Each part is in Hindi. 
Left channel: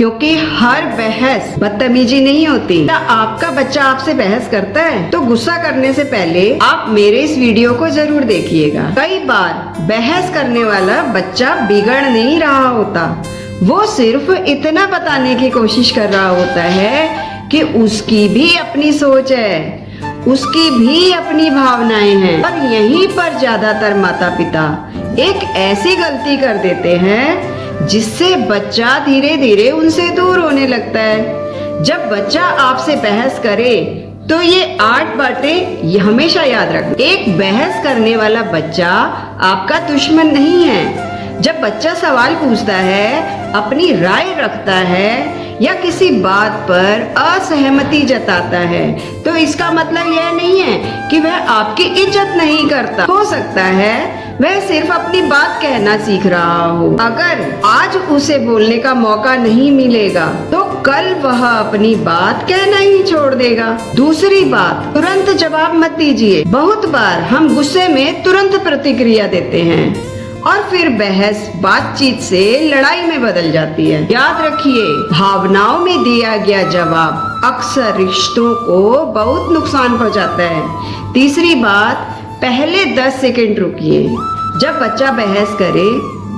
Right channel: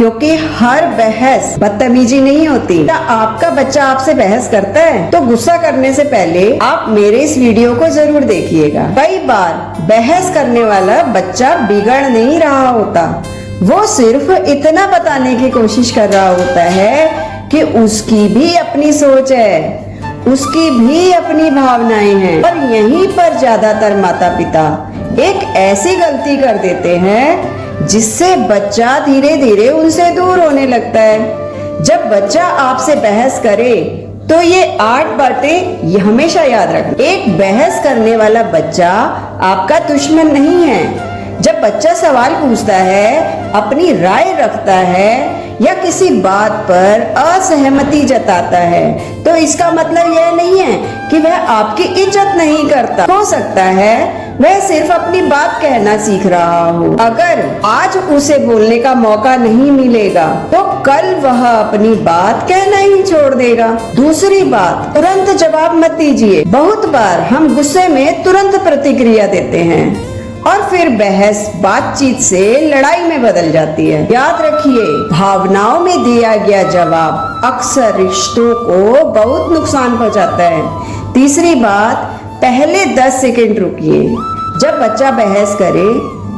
क्योंकि हर बहस बदतमीजी नहीं होती। क्या आपका बच्चा आपसे बहस करता है तो गुस्सा करने से पहले आप मेरे इस वीडियो को जरूर देखिएगा। कई बार बहस करने वाला बच्चा बिगड़ नहीं रहा होता, वो सिर्फ इतना बताने की कोशिश कर रहा होता है कि उसकी भी अपनी सोच है, उसकी भी अपनी भावनाएं हैं। और यहीं पर ज्यादातर माता पिता एक ऐसी गलती कर देते हैं जिससे बच्चा धीरे धीरे उनसे दूर होने लगता है। जब बच्चा आपसे बहस करे तो ये 8 बातें हमेशा याद रखें। एक बहस करने वाला बच्चा आपका दुश्मन नहीं है। जब बच्चा सवाल पूछता है, अपनी राय रखता है या किसी बात पर असहमति जताता है, तो इसका मतलब यह नहीं है कि वह आपकी इज्जत नहीं करता। हो सकता है वह सिर्फ अपनी बात कहना सीख रहा हो। अगर आज उसे बोलने का मौका नहीं मिलेगा तो कल वह अपनी बात कहना ही छोड़ देगा। दूसरी बात, तुरंत जवाब मत दीजिए। बहुत बार हम गुस्से में तुरंत प्रतिक्रिया देते हैं और फिर बहस बातचीत से लड़ाई में बदल जाती है। याद रखिए, भावनाओं में दिया गया जवाब अक्सर रिश्तों को बहुत नुकसान पहुंचाता है। तीसरी बात, पहले 10 सेकंड रुकिए। जब बच्चा बहस करे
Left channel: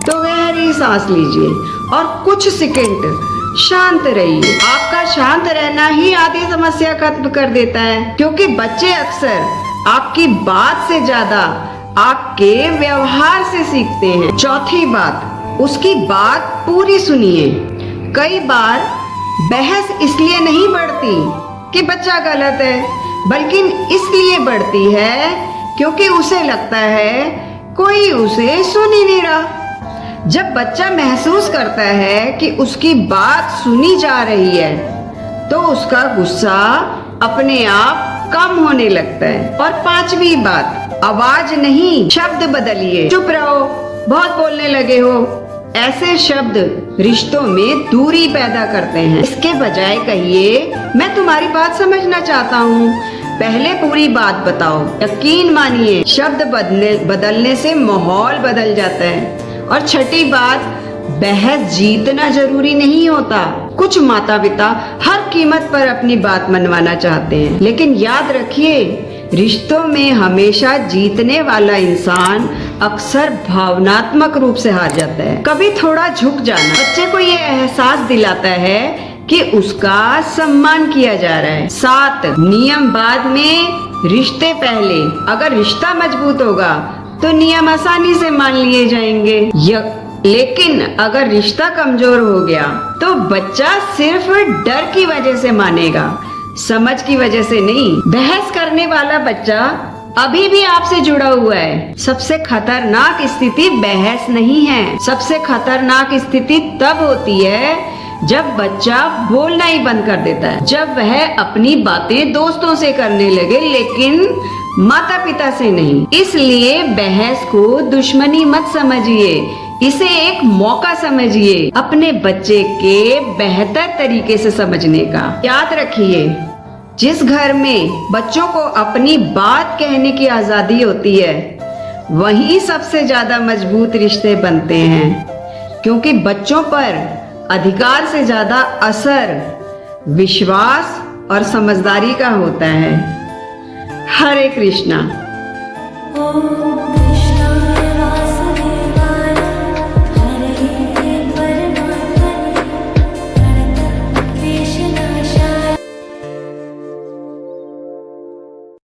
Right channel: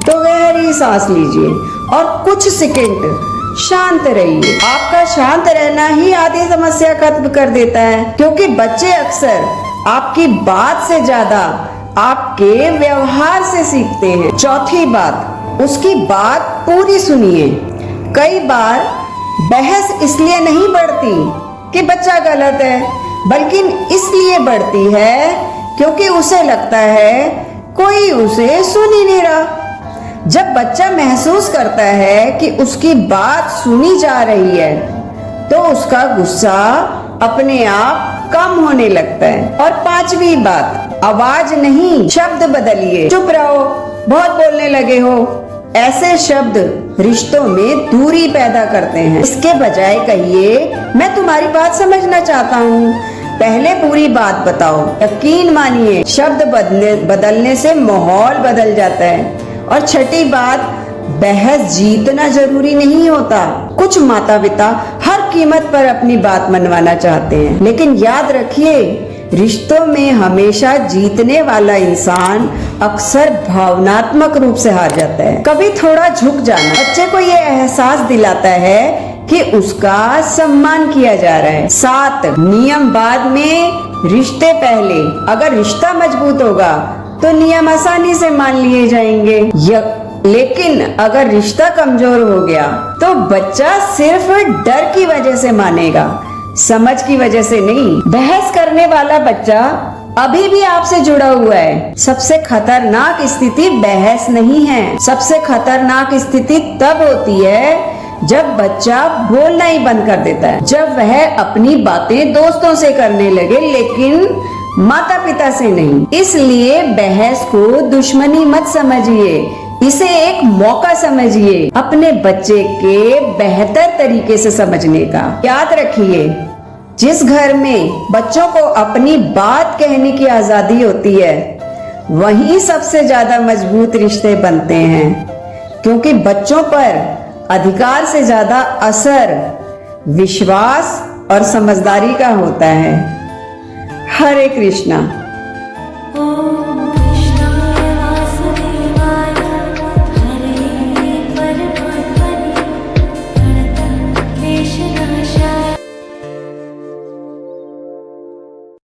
तो गहरी सांस लीजिए और कुछ सेकंड शांत रहिए। आपका शांत रहना ही आधी समस्या खत्म कर देता है, क्योंकि बच्चे अक्सर आपकी बात से ज्यादा आपके व्यवहार से सीखते हैं। चौथी बात, उसकी बात पूरी सुनिए। कई बार बहस इसलिए नहीं बढ़ती कि बच्चा गलत है, बल्कि इसलिए बढ़ती है क्योंकि उसे लगता है कोई उसे सुन ही नहीं रहा। जब बच्चा महसूस करता है कि उसकी बात सुनी जा रही है तो उसका गुस्सा अपने आप कम होने लगता है। और 5वीं बात, आवाज नहीं शब्द बदलिए। चुप रहो, बहुत बोलने लगे हो, ऐसे शब्द रिश्तों में दूरी पैदा करते हैं। इसके बजाय कहिए, मैं तुम्हारी बात समझना चाहता हूँ, पहले पूरी बात बताओ। यकीन मानिए, शब्द बदलने से माहौल बदल जाता है। और छठी बात, बहस जीतना जरूरी नहीं होता। कुछ माता पिता हर कीमत पर अपनी बात मनवाना चाहते हैं, लेकिन याद रखिए, रिश्तों में हमेशा जीतने वाला इंसान अक्सर भावनात्मक रूप से हार जाता है। कभी थोड़ा झुक जाना बच्चे को ये एहसास दिलाता है कि उसका सम्मान किया जा रहा है। 7 नियम बाद में, रिश्ते पहले। अगर रिश्ता मजबूत होगा तो नियम आसानी से मान लिए जाएंगे, लेकिन अगर रिश्ता कमजोर हो गया तो बच्चा सिर्फ डर की वजह से मानेगा, समझ की वजह से नहीं। बहस करने वाला बच्चा अभी भी आपसे जुड़ा हुआ है। सबसे खतरनाक स्थिति बहस नहीं है। सबसे खतरनाक स्थिति तब होती है जब बच्चा बोलना ही बंद कर देता है, जब वह अपनी बातें दोस्तों से करने लगे लेकिन माता पिता से नहीं। इसलिए बहस को दुश्मनी मत समझिए, इसे एक मौका समझिए अपने बच्चे के बेहतर तरीके से समझने का। याद रखिए, जिस घर में बच्चों को अपनी बात कहने की आजादी होती है, वहीं सबसे ज्यादा मजबूत रिश्ते बनते हैं, क्योंकि बच्चों पर अधिकार से ज्यादा असर विश्वास और समझदारी का होता है। हरे कृष्णा।